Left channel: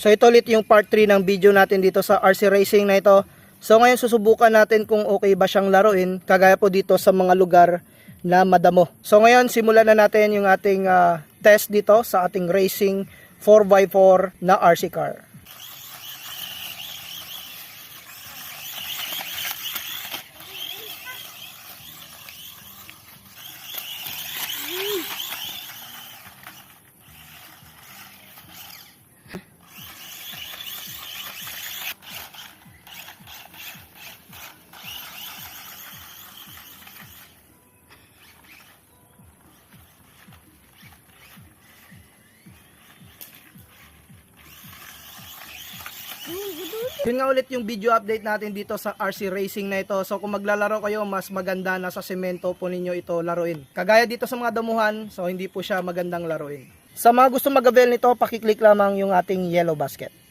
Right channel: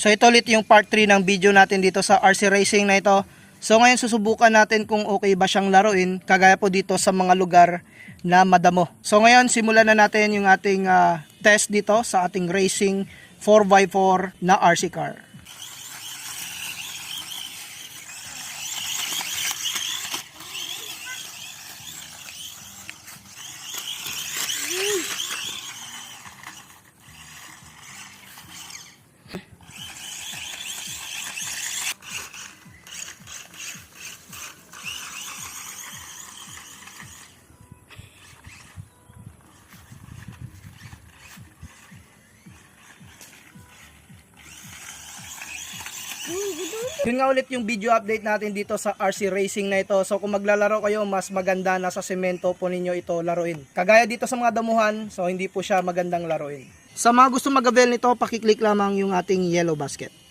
So ito ulit yung part 3 ng video natin dito sa RC Racing na ito. So ngayon susubukan natin kung okay ba siyang laruin, kagaya po dito sa mga lugar na madamo. So ngayon simulan na natin yung ating test dito sa ating racing 4x4 na RC car. Yun nga ulit yung video update natin dito sa RC Racing na ito. So kung maglalaro kayo, mas maganda na sa semento po ninyo ito laruin. Kagaya dito sa mga damuhan, so hindi po siya magandang laruin. Sa mga gusto mag-avail nito, pakiclick lamang yung ating yellow basket.